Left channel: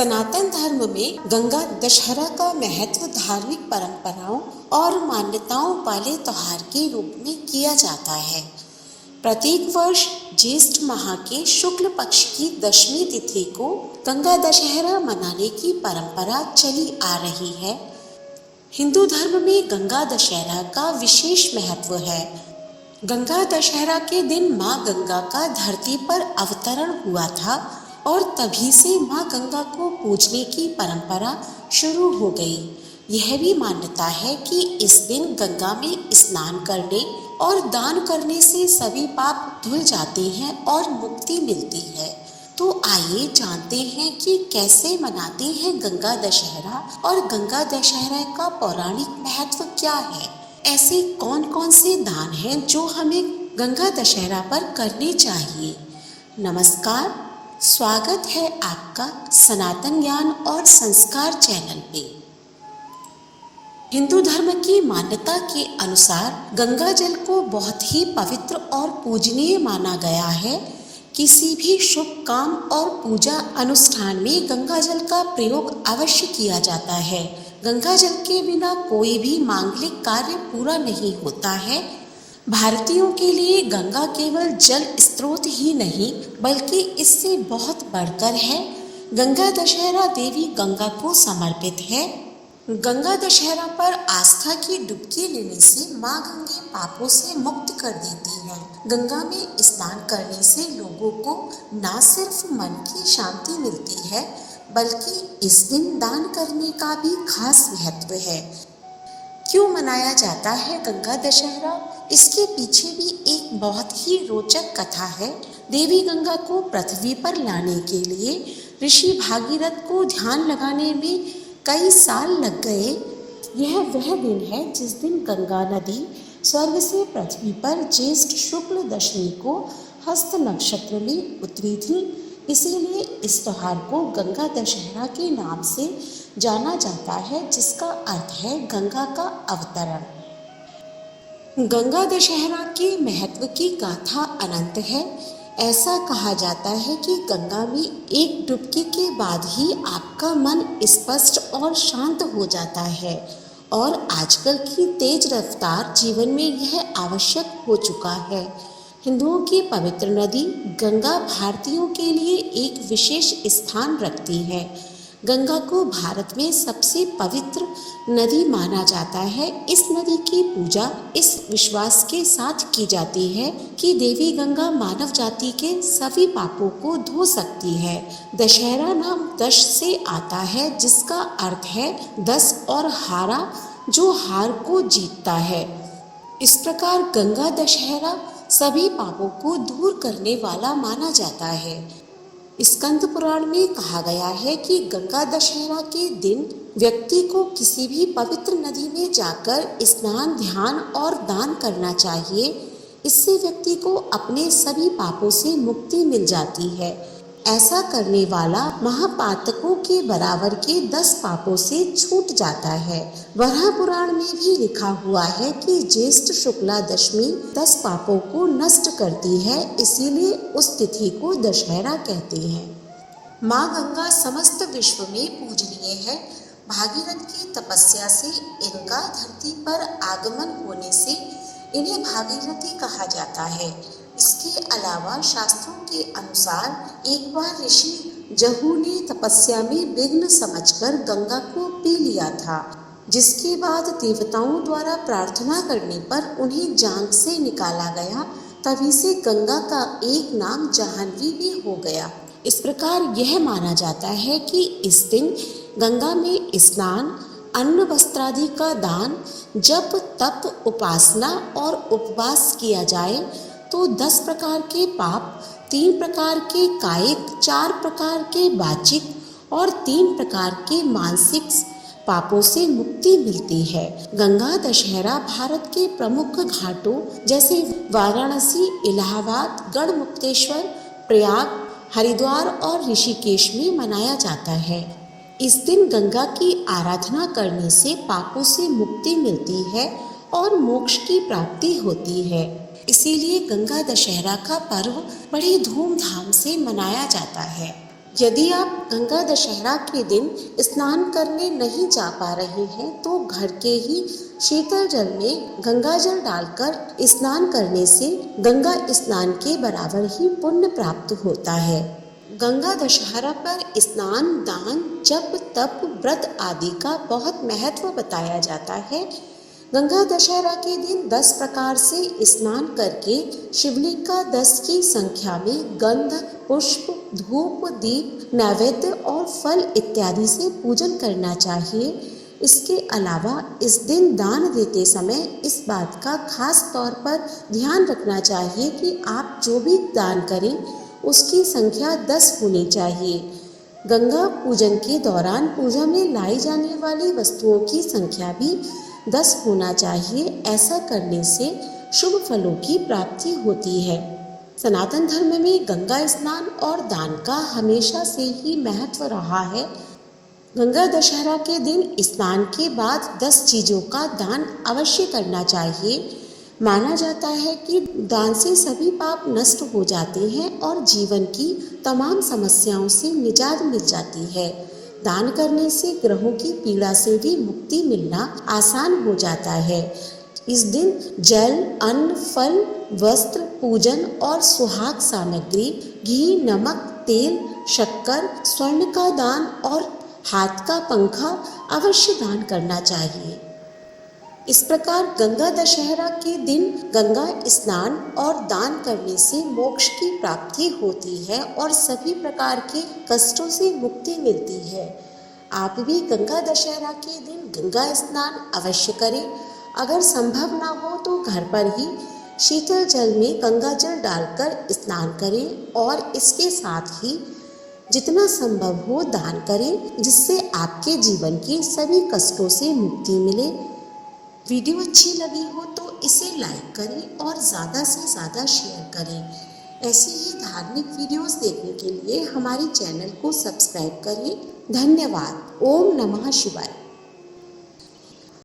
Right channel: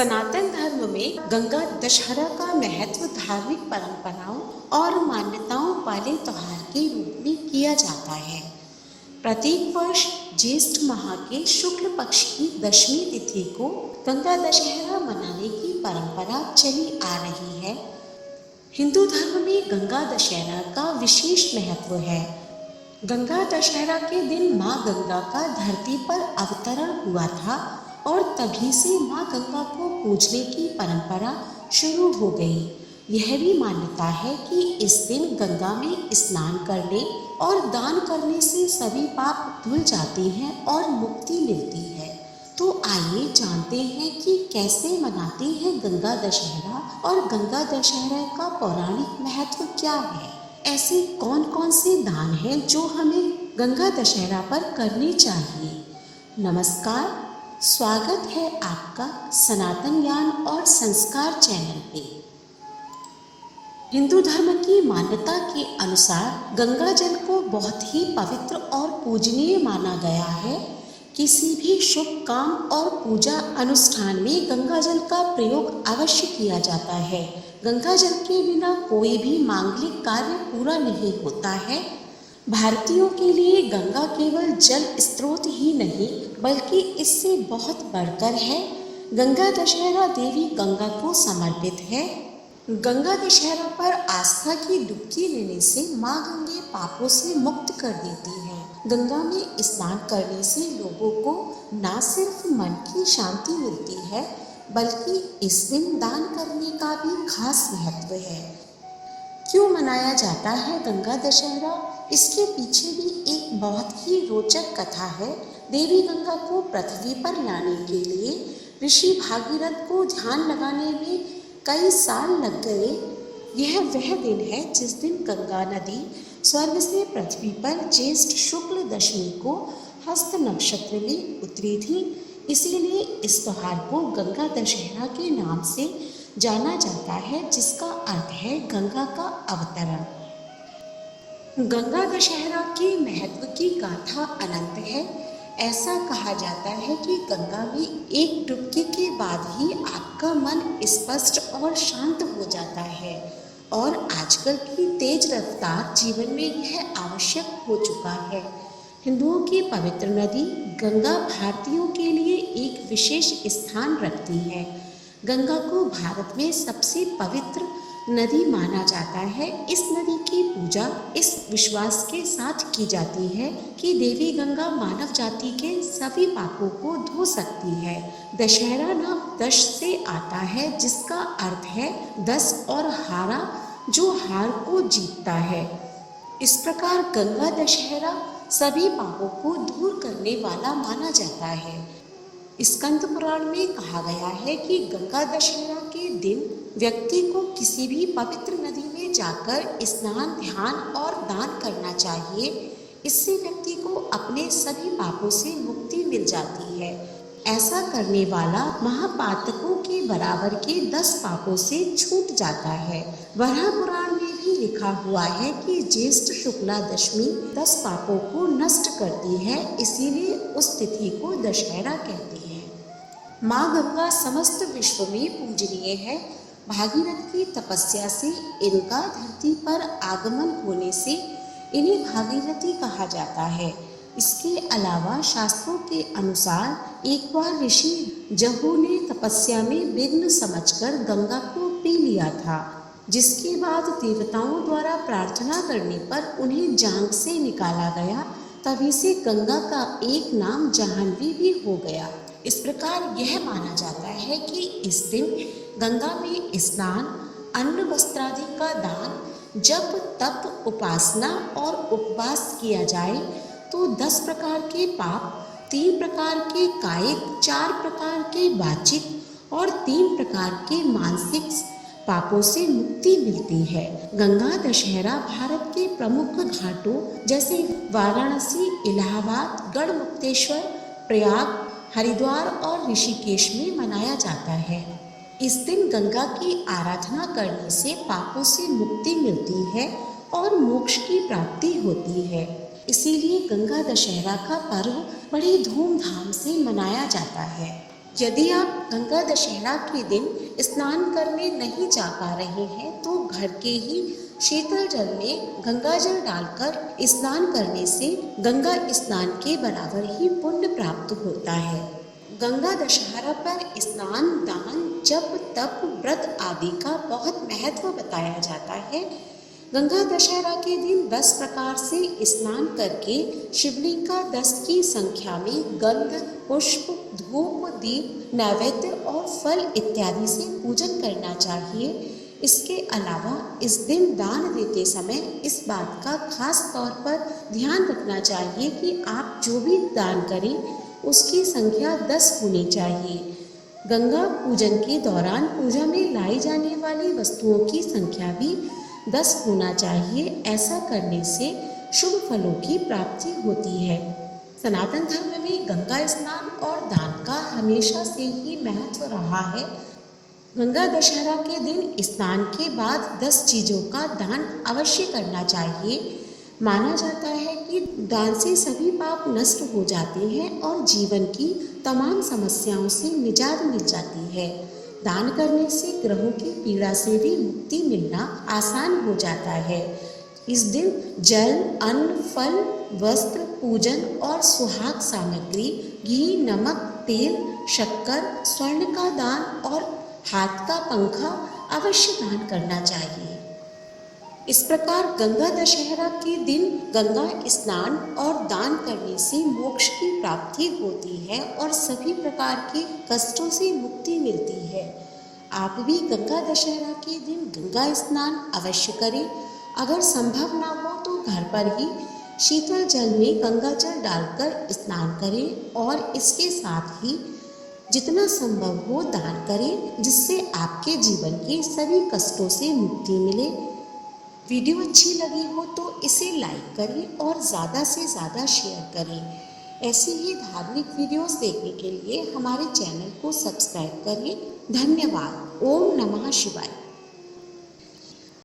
सनातन धर्म में गंगा दशहरा का महत्व धार्मिक परंपराओं और मान्यताओं वाले त्योहार के रूप में किया जाता है। प्रत्येक वर्ष ज्येष्ठ माह के शुक्ल पक्ष की दशमी तिथि को गंगा दशहरा मनाने की परंपरा चली आ रही है। हिंदू धर्म में गंगा दशहरा का विशेष महत्व है। गंगा दशहरा के दिन माँ गंगा का धरती पर अवतरण हुआ था और तभी से माँ गंगा को पूजने की परंपरा शुरू हो गई। यह भी मान्यता है कि इस दिन गंगा में स्नान करने और दान करने से सभी पाप धुल जाते हैं और मुक्ति मिलती है। तो आइए जानते हैं कि कैसे मनाते हैं गंगा दशहरा और गंगा दशहरा का पौराणिक महत्व क्या है। ऐसे कौन कौन से दान हैं जो हमें गंगा दशहरा पर करने चाहिए। नमस्कार, स्वागत है आपका सनातन ज्ञान और संस्कार चैनल पे। हिंदू धर्म की मान्यता के अनुसार गंगा जल को बहुत ही पवित्र और पूजनीय माना गया है। किसी भी शुभ काम और पूजा अनुष्ठान में गंगा जल का प्रयोग अवश्य किया जाता है। गंगा जल के बिना कोई भी मांगलिक कार्य पूरा नहीं होता है। भारतीयों के लिए गंगा केवल जल स्रोत ही नहीं बल्कि इससे बहुत बढ़कर है। गंगा दशहरा देवी गंगा को समर्पित है। गंगा दशहरा पर आस्था की डुबकी लेने से माँ गंगा पापों से मुक्त कर देती है। गंगा में स्नान करने से लोगों को न सिर्फ मन की शांति मिलती है बल्कि इस दिन दान करने का भी खास महत्व है। क्यों मनाया जाता है गंगा दशहरा? इसके पीछे भी एक बहुत ही रोचक कथा है। देवी गंगा को पृथ्वी पर लाने के लिए ऋषि भागीरथ को ध्यान लगाने में कई साल लग गए। यह वह दिन है जिस दिन गंगा नदी स्वर्ग से पृथ्वी पर ज्येष्ठ शुक्ल दशमी को हस्त नक्षत्र में उतरी थी। इसीलिए इस त्योहार को गंगा दशहरा के नाम से जाना जाता है, जिसका अर्थ है गंगा का अवतरण। गंगा दशहरा के महत्व की गाथा अनंत है। ऐसा कहा जाता है कि गंगा में एक डुबकी के बाद ही आपका मन स्पष्ट और शांत हो जाता है और आजकल की तेज रफ्तार जीवन में यह आवश्यक हो चुका है। हिंदुओं की पवित्र नदी गंगा भारतीयों के लिए एक विशेष स्थान रखती है। गंगा को भारत में सबसे पवित्र नदी माना जाता है। इस नदी की पूजा इस विश्वास के साथ की जाती है कि देवी गंगा मानव जाति के सभी पापों को धो सकती है। दशहरा नाम दश से आता है, जिसका अर्थ है 10 और हारा, जो हार को जीतता है। इस प्रकार गंगा दशहरा सभी पापों को दूर करने वाला माना जाता है। स्कंद पुराण में कहा गया है कि गंगा दशहरा के दिन व्यक्ति को किसी भी पवित्र नदी में जाकर स्नान, ध्यान और दान करना चाहिए। इससे व्यक्ति को अपने सभी पापों से मुक्ति मिल जाती है। ऐसा करने वाला महापातकों के बराबर के 10 पापों से छूट जाता है। वराह पुराण में भी लिखा हुआ है कि ज्येष्ठ शुक्ला दशमी 10 पापों को नष्ट करती है, इसीलिए उस तिथि को दशहरा कहते हैं। माँ गंगा समस्त विश्व में पूजनीय है। भागीरथ की तपस्या से इनका धरती पर आगमन होने से इन्हें भागीरथी कहा जाता है। इसके अलावा शास्त्रों के अनुसार एक बार ऋषि जहू ने तपस्या में विघ्न समझकर गंगा को पी लिया था, जिसके बाद देवताओं द्वारा प्रार्थना करने पर उन्हें जांग से निकाला गया। तभी से गंगा का एक नाम जाह्नवी भी हो गया। इस प्रकार यह माना जाता है कि इस दिन गंगा में स्नान, अन्न वस्त्रादि का दान, जप तप उपासना और उपवास किया जाए तो 10 प्रकार के पाप, 3 प्रकार के कायिक, 4 प्रकार के वाचिक और 3 प्रकार के मानसिक पापों से मुक्ति मिलती है। गंगा दशहरा भारत के प्रमुख घाटों जैसे वाराणसी, इलाहाबाद, गढ़मुक्तेश्वर, प्रयाग, हरिद्वार और ऋषिकेश में मनाया जाता है। इस दिन गंगा की आराधना करने से पापों से मुक्ति मिलती है और मोक्ष की प्राप्ति होती है। इसीलिए गंगा दशहरा का पर्व बड़ी धूमधाम से मनाया जाता है। यदि आप गंगा दशहरा के दिन स्नान करने नहीं जा पा रहे हैं तो घर के ही शीतल जल में गंगा जल डालकर स्नान करने से गंगा स्नान के बराबर ही पुण्य प्राप्त होता है। गंगा दशहरा पर स्नान, दान, जप, तप, व्रत आदि का बहुत महत्व बताया जाता है। गंगा दशहरा के दिन 10 प्रकार से स्नान करके शिवलिंग का 10 की संख्या में गंध, पुष्प, धूप, दीप, नैवेद्य और फल इत्यादि से पूजन करना चाहिए। इसके अलावा इस दिन दान देते समय इस बात का खास तौर पर ध्यान रखना चाहिए कि आप जो भी दान करें उसकी संख्या 10 होनी चाहिए। गंगा पूजन के दौरान पूजा में लाई जाने वाली वस्तुओं की संख्या भी 10 होना चाहिए। ऐसा करने से शुभ फलों की प्राप्ति होती है। सनातन धर्म में गंगा स्नान और दान का हमेशा से ही महत्व रहा है। गंगा दशहरा के दिन स्नान के बाद 10 चीज़ों का दान अवश्य करना चाहिए। माना जाता है कि दान से सभी पाप नष्ट हो जाते हैं और जीवन की तमाम समस्याओं से निजात मिल जाती है। दान करने से ग्रहों की पीड़ा से भी मुक्ति मिलना आसान हो जाता है। इस दिन जल, अन्न, फल, वस्त्र, पूजन और सुहाग सामग्री, घी, नमक, तेल, शक्कर, स्वर्ण का दान और हाथ का पंखा अवश्य दान करना चाहिए। इस प्रकार गंगा दशहरा के दिन गंगा स्नान और दान करने से मोक्ष की प्राप्ति होती है और सभी प्रकार के कष्टों से मुक्ति मिलती है। आप भी गंगा दशहरा के दिन गंगा स्नान अवश्य करें। अगर संभव ना हो तो घर पर ही शीतल जल में गंगा जल डालकर स्नान करें और इसके साथ ही जितना संभव हो दान करें, जिससे आपके जीवन के सभी कष्टों से मुक्ति मिले। वीडियो अच्छी लगी हो तो इसे लाइक करें और ज़्यादा से ज़्यादा शेयर करें। ऐसी ही धार्मिक वीडियोस देखने के लिए हमारे चैनल को सब्सक्राइब करें। धन्यवाद। ओम नमः शिवाय।